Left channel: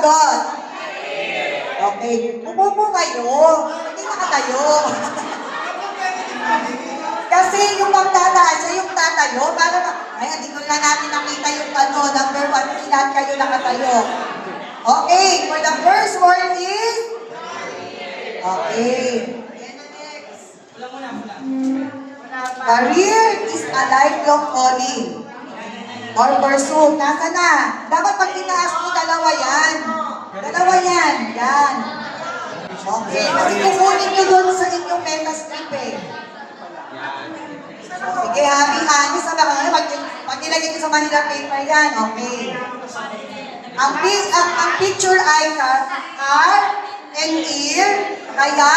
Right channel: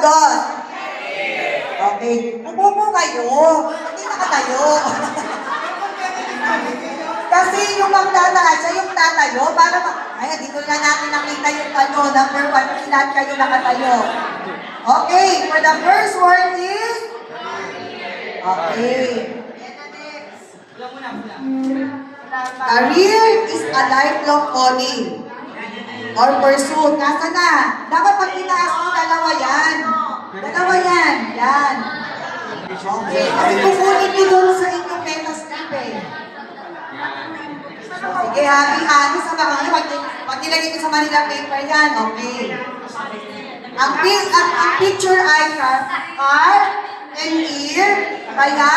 sagot? Okay. Umupo kayo. Hindi nakatayo. Kasi yung magtataas siya, yung tatayo, para ay, hindi ko na natin nakita yung number 1, kasi lahat kayo nakatayo. Okay, for the first word is? Okay. Career is a lifelong calling or pursuit. Nasa na? Dapat pag tinaas mo, dalawa yan. Dalawa yan. Yan. Okay. Kasi kukunin nyo doon sa inyong metastrip eh. So, sige, happy sa mga pag nilagay nyo sa Manila paper yan. Okay. Ang picture ay car and ear, kaya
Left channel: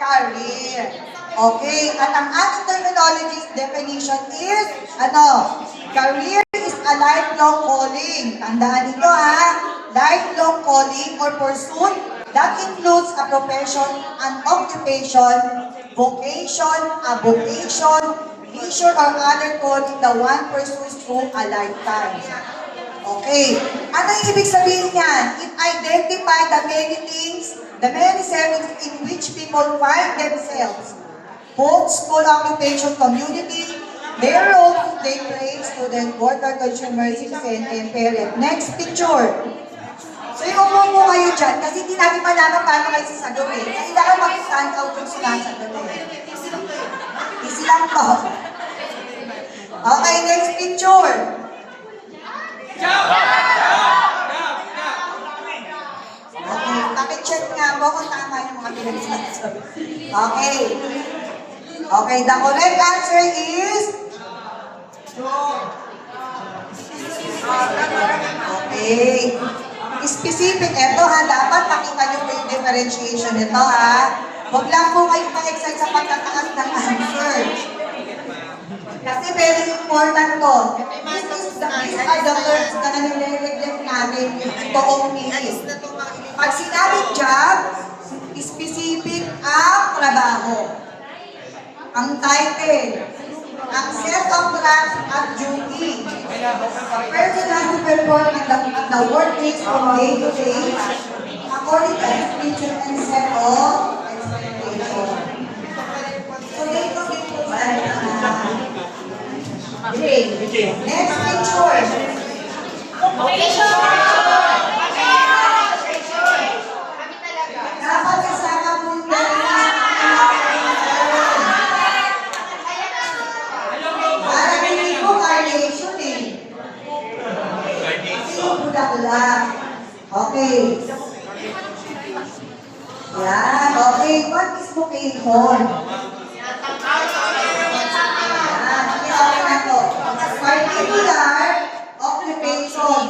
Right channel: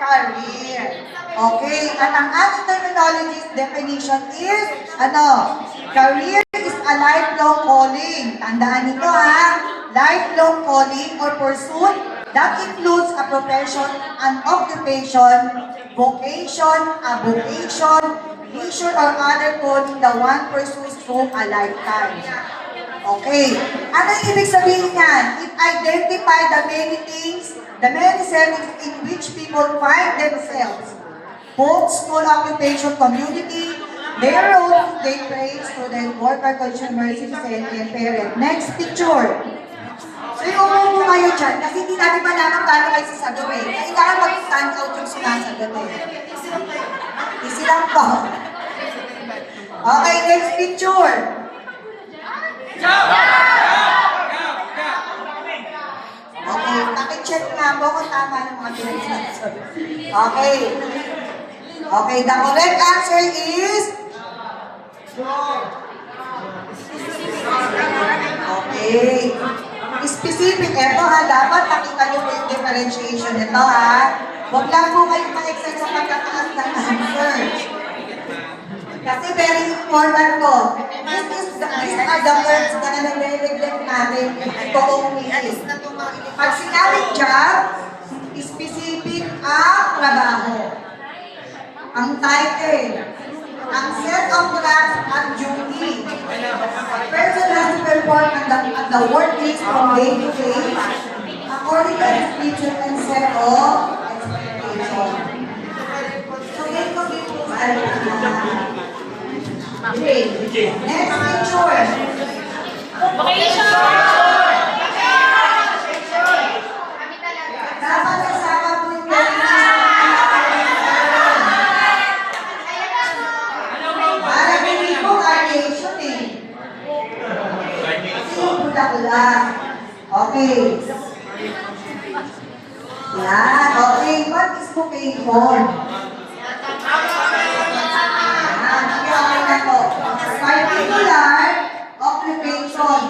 career. Okay. At ang ating terminology definition is, career is a lifelong calling. Tandaan nito lifelong calling or pursuit that includes a profession, an occupation, vocation, a vocation, leisure or other calling the one pursues through a lifetime. Okay. Ano yung ibig sabihin yan? It identifies the many things, the many settings in which people find themselves. Both school, occupation, community, their role they play, student, worker, consumer, citizen, and parent. Next picture. So yung umupo kayo dyan, kasi hindi namin malaman paano kayo sasagot eh. Kailangan mag-stand out yung sinasagot eh. Easy lang po. Okay, next picture. Okay, pakicheck nga po kung tama ng mga pinagsasagot. Okay. Okay, the correct answer is? Okay. Specific, ito dapat pakita nyo po yung differentiation nito Huwag lang po kayo ma-excite sa pagkataas ng answer. Kasi very important to. These are the words na nare-reflect natin yung toong meaning. Pag sinabing job, specific ang trabaho. Ang title, ang set of tasks at duty. A person has to perform at the workplace from day to day according to description and set of expectation. So, day to day po tayo next picture. Dapat kasama po yung okay. Yan. Okay. What is vocation? Particular occupation.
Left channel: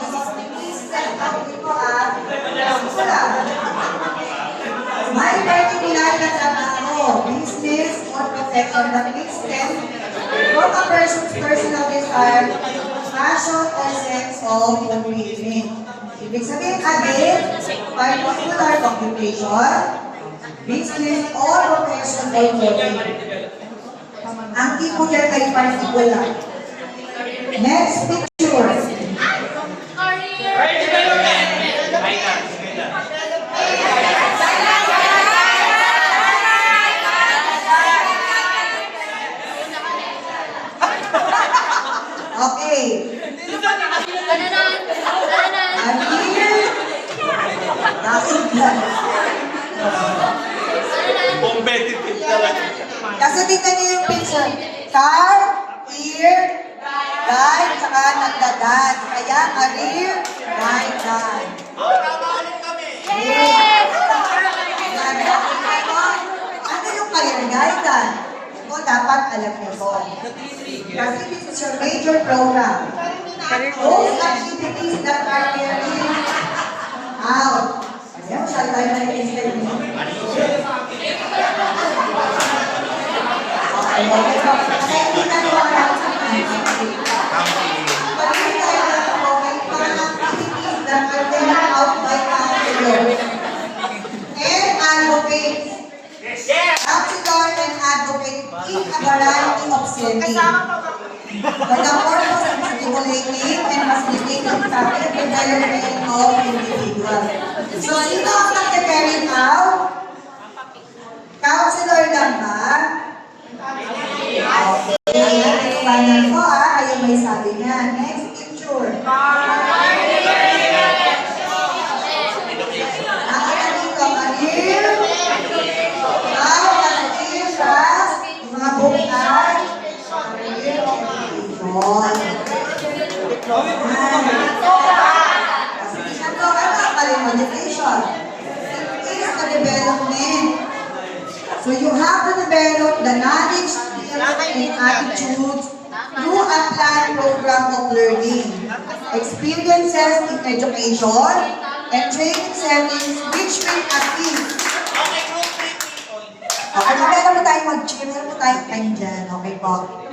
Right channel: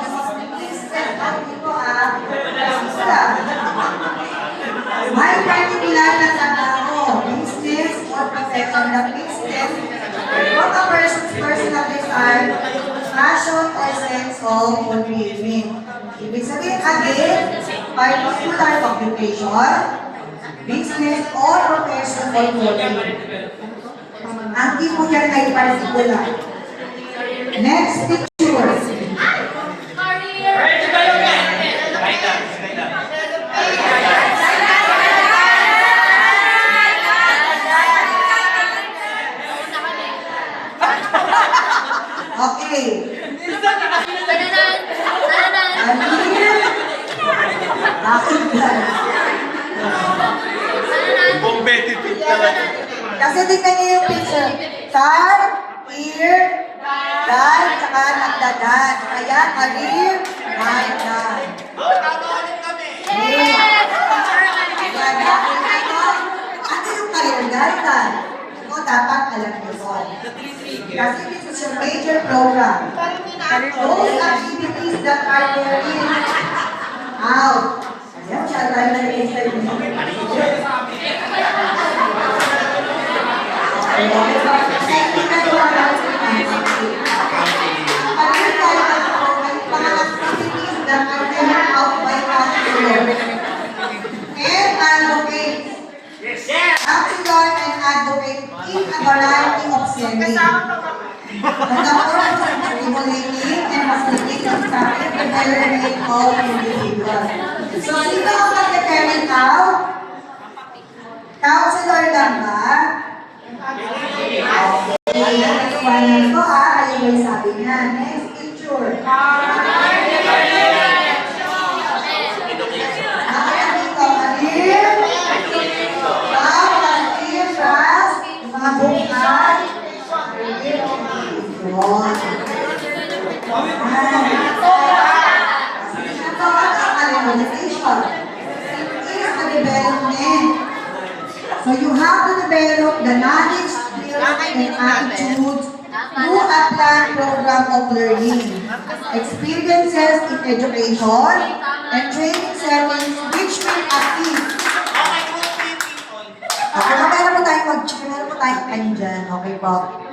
May particular na trabaho, business or profession that makes them from a person's personal desire, passion or sense of fulfillment. Ibig sabihin again, particular occupation, business or profession or fulfillment. Ang key po dyan ay particular. Next picture. Okay. Competitive talaga. Kasi tingnan niyo yung picture. Car, ear, guide, saka nagdadan. Kaya career, guide, guide. Ano yung career guide? Ito dapat alam niyo po. Kasi this is your major program. Those activities that are carried out. Ayan, siya tayo na i-explain niyo. And advocate. Counselor and advocate in a variety of settings. For the purpose of stimulating and facilitating effective development of individual. So, sino ang nag-determine now? Counselor lang ba? Okay, panel ko ayun may sabi niya. Next picture. Nakita dito, Alir, Alir, Trust, mga bukay, Alir, motivation. It is the development. So you have to develop the knowledge, skills, and attitudes through a planned program of learning, experiences in education, and training settings which will assist. Okay, meron po tayong mag-chill, meron po tayong time dyan. Okay po.